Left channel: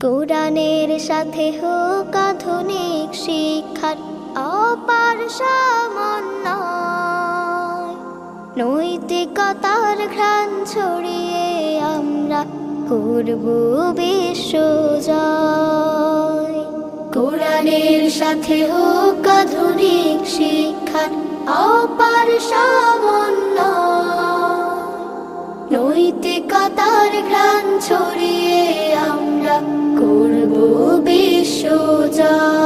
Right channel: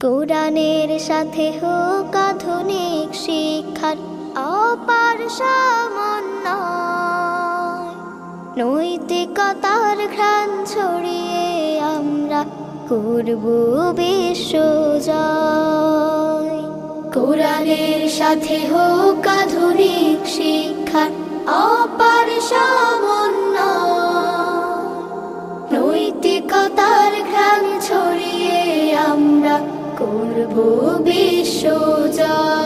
কোরআনের সাথে হোক আধুনিক শিক্ষার অপার সমন্বয়, নৈতিকতার ঘ্রাণ ছড়িয়ে আমরা করব বিশ্বজয়। কোরআনের সাথে হোক আধুনিক শিক্ষার অপার সমন্বয়, নৈতিকতার ঘ্রাণ ছড়িয়ে আমরা করব বিশ্বজয়।